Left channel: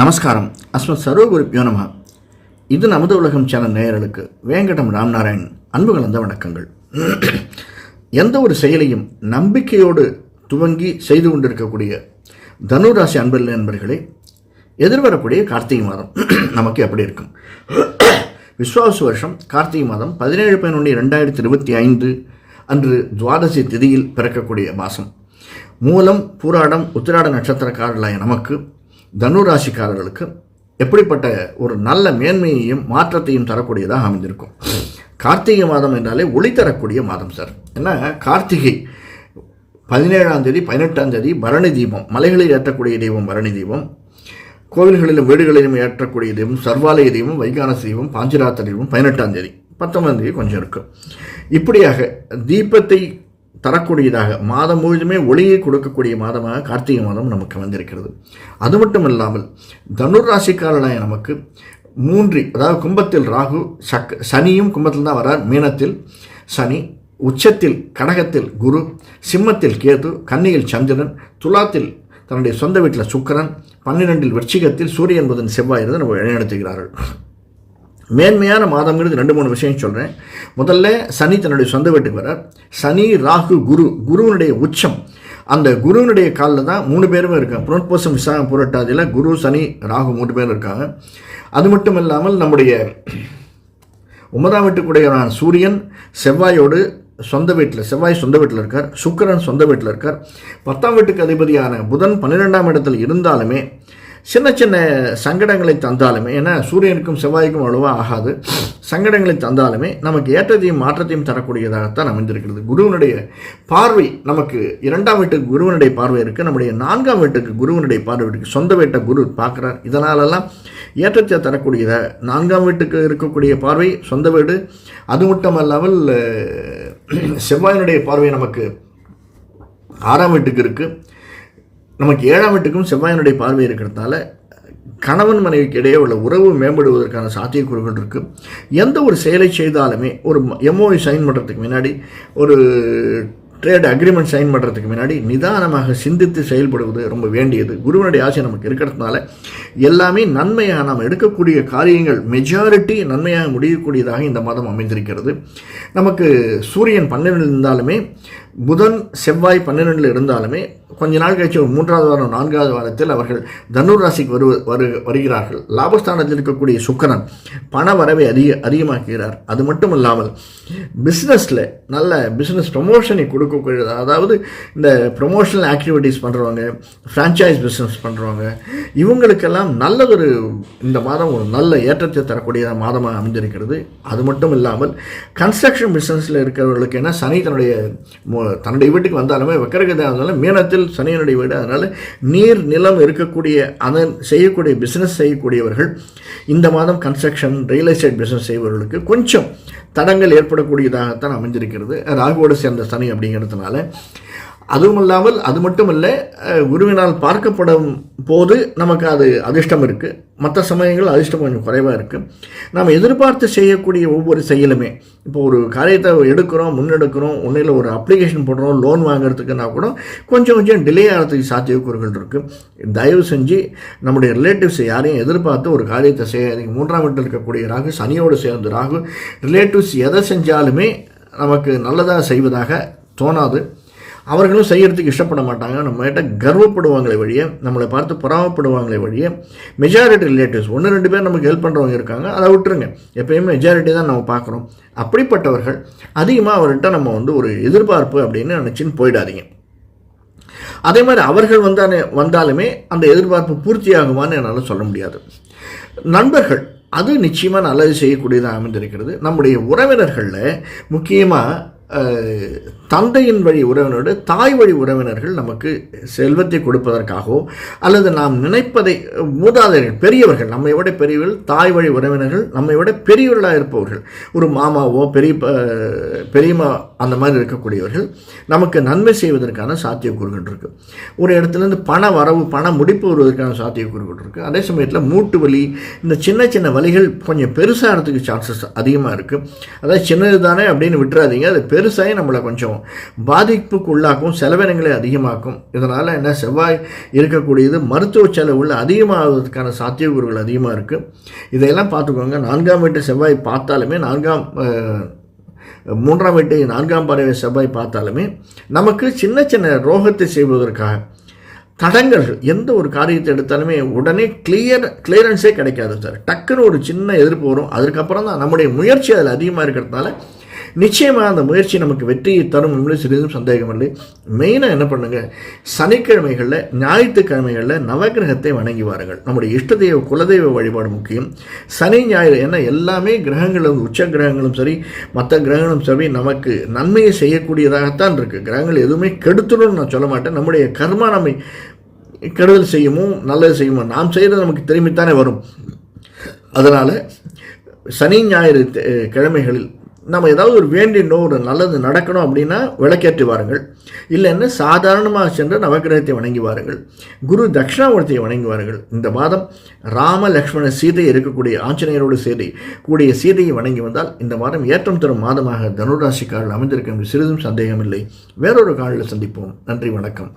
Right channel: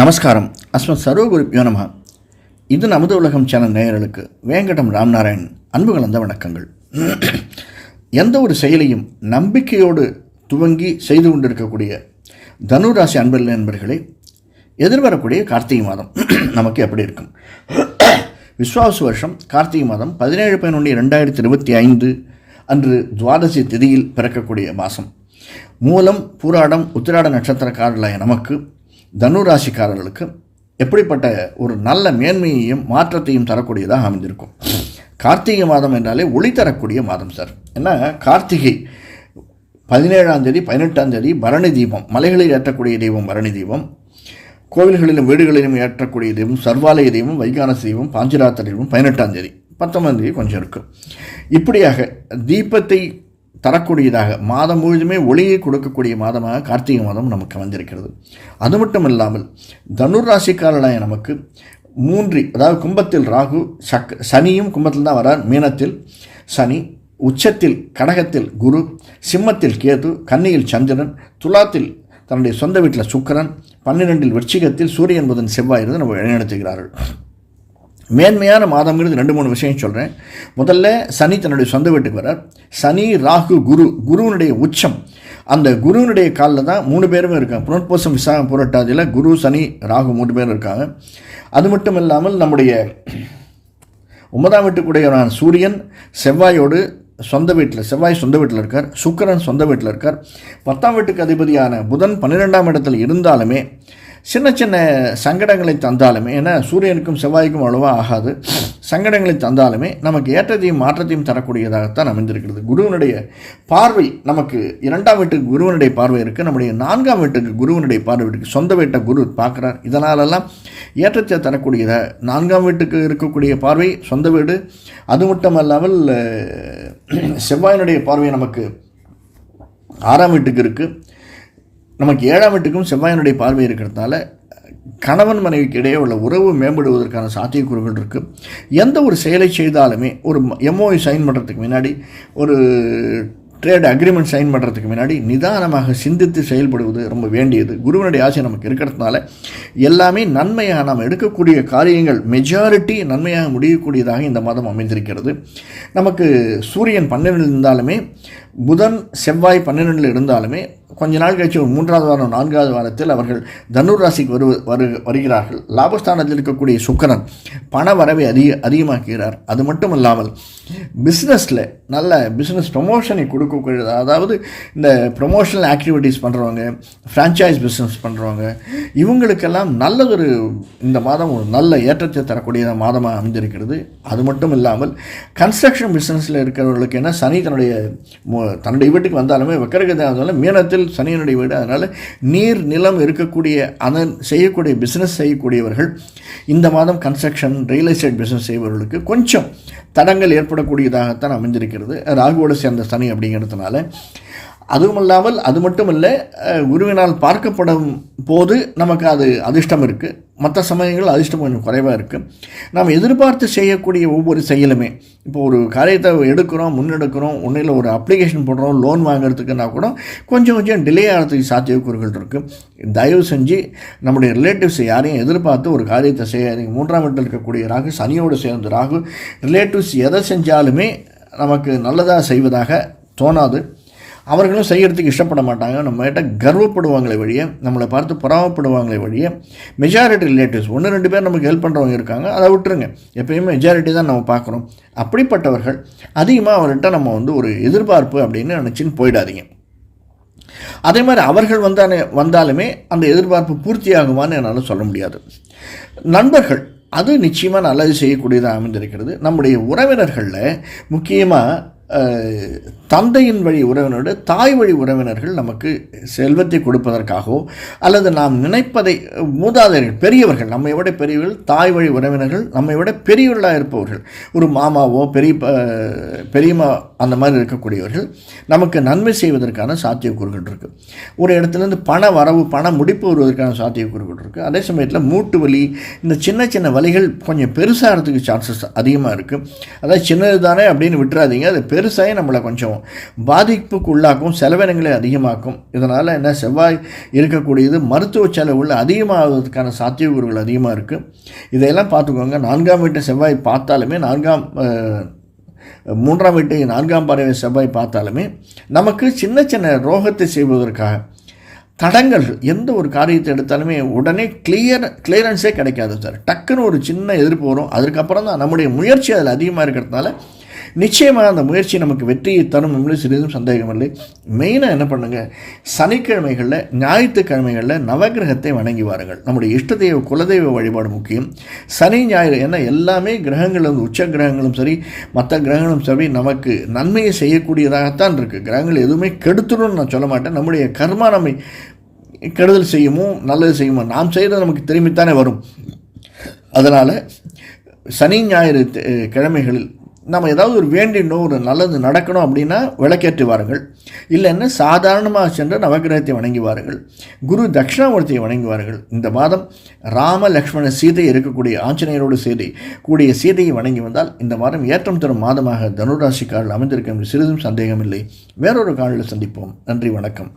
நமஸ்காரம். அஸ்மத் சர்வகுருப்யோ நம. இது நமது உலகம் சேனல் நேயர்களுக்கு வேங்கடம் ராம்நாராயண் அன்பு கலந்த வணக்கங்கள். எந்த ஒரு செயலையும் நம்பிக்கையோடு துவங்கி செய்து கொண்டிருக்கக்கூடிய தனுராசி அன்பர்கள் நண்பர்களே, எதிர்வரக்கூடிய கார்த்திகை மாதம் நமக்கு எப்படி இருக்கும்? விஸ்வாச வருஷம் கார்த்திகை மாதம் 17/11/2025 அன்று துவாதசி திதியில் பிறக்கக்கூடிய மாதம். மூலம், பூராடம், உத்திராட நட்சத்திரக்காரர்களாய நமக்கு தனுராசிக்காரர்களுக்கு எப்படிப்பட்ட ஒரு நல்ல மேன்மையையும் மாற்றத்தையும் தரக்கூடியதாக அமைந்திருக்கும். கார்த்திகை மாதம் என்றாலே ஒளி தரக்கூடிய மாதம் சார். ஏன்னா கார்த்திகை 17ஆம் தேதி 18ஆம் தேதி பரணி தீபம், மலைகளில் ஏற்றக்கூடிய தெய்வம் பரணி தீபம், கோவில்களிலும் வீடுகளிலும் ஏற்றக்கூடிய தெய்வம் சர்வாலய தெய்வம், வைகானசி தெய்வம், பாஞ்சிராத்திர தெய்வம் 18ஆம் தேதி, 19ஆம் தேதி கொஞ்சம் இருக்கும். இப்படியாக தீபத்தை தரக்கூடியதாக மாதம் முழுதுமே ஒளியை கொடுக்கக்கூடிய மாதமாக கார்த்திகை மாதம் நமக்கு வந்திருக்கிறது. அது மட்டும் இல்லாமல் தனுராசிக்காரர்களாய நமக்கு அதாவது கும்பத்தில் ராகு, சனியும் கும்பத்தில் தான் வரார், மீனத்தில் சனி, உச்சத்தில் கடகத்தில் குரு, சிம்மத்தில் கேது, கன்னியில் சந்திரன், துலாத்தில் தன்னுடைய சொந்த வீட்டில் சுக்கிரன், 12 விருச்சிகத்தில் சூரியன் புதன் செவ்வாய் இருந்து நம்ம வழிநடத்துகிறார்கள். மேன்மையான மாதங்கிறது 2-3 விஷயம் சொல்கிறேன். முதல்ல சனி தன்னுடைய சொந்த வீட்டுக்கு வரார். சனி, ராகு, குருவினுடைய உச்சம். அந்த குருவினுடைய காலில் தான் 3 பேருமே இருக்காங்க. புனர்பூசம், விசாகம், புரட்டாதியில் குரு, சனி, ராகு 3 பேர் இருக்காங்க. அது மட்டும் இல்லாமல் நம்முடைய 9ஆம் வீட்டுக்குடையவரான சூரியன் செவ்வாயோடு செவ்வாய் சொந்த வீட்டில் இருக்கார், சுக்கிரன் சொந்த வீட்டில் இருக்கார். 10ஆம் வீட்டுக்கு அதிபதியான புதன் 12ஆம் இடத்தில் இருந்தாலுமே சின்ன சின்ன சங்கடங்களை தந்தாலுமே, ஏன்னா சூரியனுக்கும் செவ்வாய்க்கும் அவ்வளவாக ஆகாது, சங்கடங்களை தந்தாலுமே நமக்கு ஏற்றத்தையும் மாற்றத்தையும் தரக்கூடியதாகத்தான் அமைந்திருக்கிறது. குருவனுடைய பார்வை நமக்கு 2ஆம் வீட்டுக்கு குருவனுடைய பார்வை இருக்குது, நம்முடைய 4ஆம் வீட்டுக்கு குருவனுடைய பார்வை இருக்குது, சொந்த வீட்டை குரு பார்க்குறார். இதனாலெல்லாம் ஏற்றத்தை தரக்கூடியதாக 4ஆம் வீட்டுக்கு இருக்கக்கூடிய பார்வை சொந்த வீடு. அது மட்டும் அல்லாமல் செவ்வாயினுடைய பார்வை நமக்கு 6ஆம் வீட்டுக்கு இருக்குது. நமக்கு 7ஆம் வீட்டுக்கும் செவ்வாயினுடைய பார்வை இருக்கிறதுனால கணவன் மனைவிக்கு இடையே உள்ள உறவு மேம்படுவதற்கான சாத்தியக்கூறுகள் இருக்குது. எந்த ஒரு செயலை செய்தாலுமே ஒரு எம்ஓஐ சைன் பண்ணுறதுக்கு முன்னாடி, ஒரு ட்ரேட் அக்ரிமெண்ட் சைன் பண்ணுறதுக்கு முன்னாடி நிதானமாக சிந்தித்து செயல்படுவது ரொம்ப வேண்டியது. குருவனுடைய ஆசை நமக்கு இருக்கிறதுனால எல்லாமே நன்மையாக நாம் எடுக்கக்கூடிய காரியங்கள் மெஜாரிட்டி நன்மையாக முடியக்கூடியதாக இந்த மாதம் அமைந்திருக்கிறது. நமக்கு சூரியன் 12 இருந்தாலுமே, புதன் செவ்வாய் 12 இருந்தாலுமே, கொஞ்ச நாள் கழிச்சு 3ஆவது வாரம் 4ஆவது வாரத்தில் அவர்கள் தனுர் ராசிக்கு வருகிறார்கள். லாபஸ்தானத்தில் இருக்கக்கூடிய சுக்கிரன் பண வரவை அதிகமாக்குகிறார். அது மட்டும் இல்லாமல் பிஸ்னஸில் நல்ல பிஸ்னஸ் ப்ரொமோஷனை கொடுக்கக்கூடிய, அதாவது இந்த ப்ரொமோஷனல் ஆக்டிவிட்டீஸ் பண்ணுறவங்க, ஃப்ரான்ச்சைஸ் பிஸ்னஸ் பண்ணுறவங்க, இவங்களுக்கெல்லாம் நல்லதொரு இந்த மாதம் ஒரு நல்ல ஏற்றத்தை தரக்கூடிய மாதமாக அமைந்திருக்கிறது. அது மட்டும் இல்லாமல் கன்ஸ்ட்ரக்ஷன் பிஸ்னஸில் இருக்கிறவர்களுக்கு என்ன, சனி தன்னுடைய வீட்டுக்கு வந்தாலுமே வக்கரகதாக இருந்தாலும் மீனத்தில் சனியனுடைய வீடு, அதனால் நீர் நிலம் இருக்கக்கூடிய அதன் செய்யக்கூடிய பிஸ்னஸ் செய்யக்கூடியவர்கள் இந்த மாதம் கன்ஸ்ட்ரக்ஷன், ரியல் எஸ்டேட் பிஸ்னஸ் செய்பவர்களுக்கு கொஞ்சம் தடங்கள் ஏற்படக்கூடியதாகத்தான் அமைந்திருக்கிறது, ராகுவோடு சேர்ந்த சனி அப்படிங்கிறதுனால. அதுவும் இல்லாமல் அது மட்டும் இல்லை, குருவினால் பார்க்கப்படும் போது நமக்கு அது அதிர்ஷ்டம் இருக்குது, மற்ற சமயங்கள் அதிர்ஷ்டம் கொஞ்சம் குறைவாக இருக்குது. நாம் எதிர்பார்த்து செய்யக்கூடிய ஒவ்வொரு செயலுமே, இப்போ ஒரு காரியத்தை முன்னெடுக்கிறோம், ஒன்றில் ஒரு அப்ளிகேஷன் போடுறோம், லோன் வாங்குறதுக்குன்னா கூட கொஞ்சம் டிலே ஆகிறதுக்கு சாத்தியக்கூறுகள் இருக்குது. தயவு செஞ்சு நம்முடைய ரிலேட்டிவ்ஸ் யாரையும் எதிர்பார்த்து ஒரு காரியத்தை செய்யாதீங்க. 3ஆம் வீட்டில் இருக்கக்கூடிய ராகு, சனியோடு சேர்ந்து ராகு, ரிலேட்டிவ்ஸ் எதை செஞ்சாலுமே நமக்கு நல்லதாக செய்வதாக தோணாது. அவர்களும் செய்கிறதுக்கு இஷ்டப்பட மாட்டாங்க. நம்மகிட்ட கர்வப்படுவாங்களே வழியே, நம்மளை பார்த்து பொறாமப்படுவாங்களே வழியே. மெஜாரிட்டி ரிலேட்டிவ்ஸ் 1-2 பேர் நமக்கு ஹெல்ப் பண்ணுறவங்க இருக்காங்க, அதை விட்டுருங்க. எப்பயுமே மெஜாரிட்டி தான் நம்ம பார்க்குறோம். அப்படிப்பட்டவர்கள் அதிகமாக அவர்கிட்ட நம்ம ஒரு எதிர்பார்ப்பு அப்படின்னு நினச்சின்னு போயிடாதீங்க. அதே மாதிரி அவர்கள் வந்தாலுமே அந்த எதிர்பார்ப்பு பூர்த்தி ஆகுமான்னு என்னால் சொல்ல முடியாது. நண்பர்கள் அது நிச்சயமாக நல்லது செய்யக்கூடியதாக அமைந்திருக்கிறது. நம்முடைய உறவினர்களில் முக்கியமாக தந்தையின் வழி உறவினரோடு தாய் வழி உறவினர்கள் நமக்கு செல்வத்தை கொடுப்பதற்காகவோ அல்லது நாம் நினைப்பதை மூதாதையர்கள், பெரியவர்கள், நம்மை விட பெரியவர்கள், தாய் வழி உறவினர்கள் நம்மை விட பெரியவர்களாக இருப்பவர்கள், ஒரு மாமாவோ பெரியம்மா அந்த மாதிரி இருக்கக்கூடியவர்கள் நமக்கு நன்மை செய்வதற்கான சாத்தியக்கூறுகள் இருக்குது. ஒரு இடத்துலேருந்து பண வரவு, பண முடிப்பு வருவதற்கான சாத்தியக்கூறுகள் இருக்குது. அதே சமயத்தில் மூட்டு வலி, இந்த சின்ன சின்ன வலிகள் கொஞ்சம் பெருசாகிறதுக்கு சான்சஸ் அதிகமாக இருக்குது. அதாவது சின்னது தானே அப்படின்னு விட்டுறாதீங்க, அது பெருசாகி நம்மளை கொஞ்சம் பாதிப்புக்கு உள்ளாக்கும், செலவினங்களை அதிகமாக்கும். இதனால் என்ன, செவ்வாய் இருக்கக்கூடியது மருத்துவ செலவுகள் அதிகமாகிறதுக்கான சாத்தியக்கூறுகள் அதிகமாக இருக்குது. இதையெல்லாம் பார்த்துக்கோங்க. 4ஆம் வீட்டை செவ்வாய் பார்த்தாலுமே, 3ஆம் வீட்டை 4ஆம் பார்வை செவ்வாய் பார்த்தாலுமே நமக்கு சின்ன சின்ன ரோகத்தை செய்வதற்காக தடங்கள், எந்த ஒரு காரியத்தை எடுத்தாலுமே உடனே கிளியரன்ஸே கிடைக்காது சார். டக்குன்னு ஒரு சின்ன எதிர்ப்பு வரும். அதுக்கப்புறம் தான் நம்முடைய முயற்சி அதில் அதிகமாக இருக்கிறதுனால நிச்சயமாக அந்த முயற்சி நமக்கு வெற்றியை தரும் என்பது சிறிதும் சந்தேகம் இல்லை. மெயினாக என்ன பண்ணுங்கள், சனிக்கிழமைகளில் ஞாயிற்றுக்கிழமைகளில் நவகிரகத்தை வணங்கி வாருங்கள். நம்முடைய இஷ்ட தெய்வ குலதெய்வ வழிபாடு முக்கியம். சனி ஞாயிறு ஏன்னா எல்லாமே கிரகங்களும், உச்ச கிரகங்களும் சரி மற்ற கிரகங்களும் சரி நமக்கு நன்மையை செய்யக்கூடியதாகத்தான் இருக்குது. கிரகங்கள் எதுவுமே கெடுத்துணும்னு நான் சொல்ல மாட்டேன். நம்முடைய கர்மா நம்மை கெடுதல் செய்யுமோ நல்லது செய்யுமோ நாம் செய்கிறது நமக்கு திரும்பித்தானே வரும். அதனால் சனி ஞாயிறு கிழமைகளில் நம்ம ஏதாவது ஒரு வேண்டினோ ஒரு நல்லது நடக்கணும் அப்படின்னா விளக்கேற்றி வாருங்கள். இல்லைன்னா சாதாரணமாக சென்று நவகிரகத்தை வணங்கி வாருங்கள். குரு தட்சிணாமூர்த்தியை வணங்கி வாருங்கள். இந்த மாதம் ராம லக்ஷ்மண சீதை இருக்கக்கூடிய ஆஞ்சநேயரோடு கூடிய சீதையை வணங்கி வந்தால் இந்த மாதம் ஏற்றம் தரும் மாதமாக தனுராசிக்காரர்கள் அமைந்திருக்க சிறிதும் சந்தேகமில்லை. வேறொரு காலில் சந்திப்போம். நன்றி, வணக்கம்.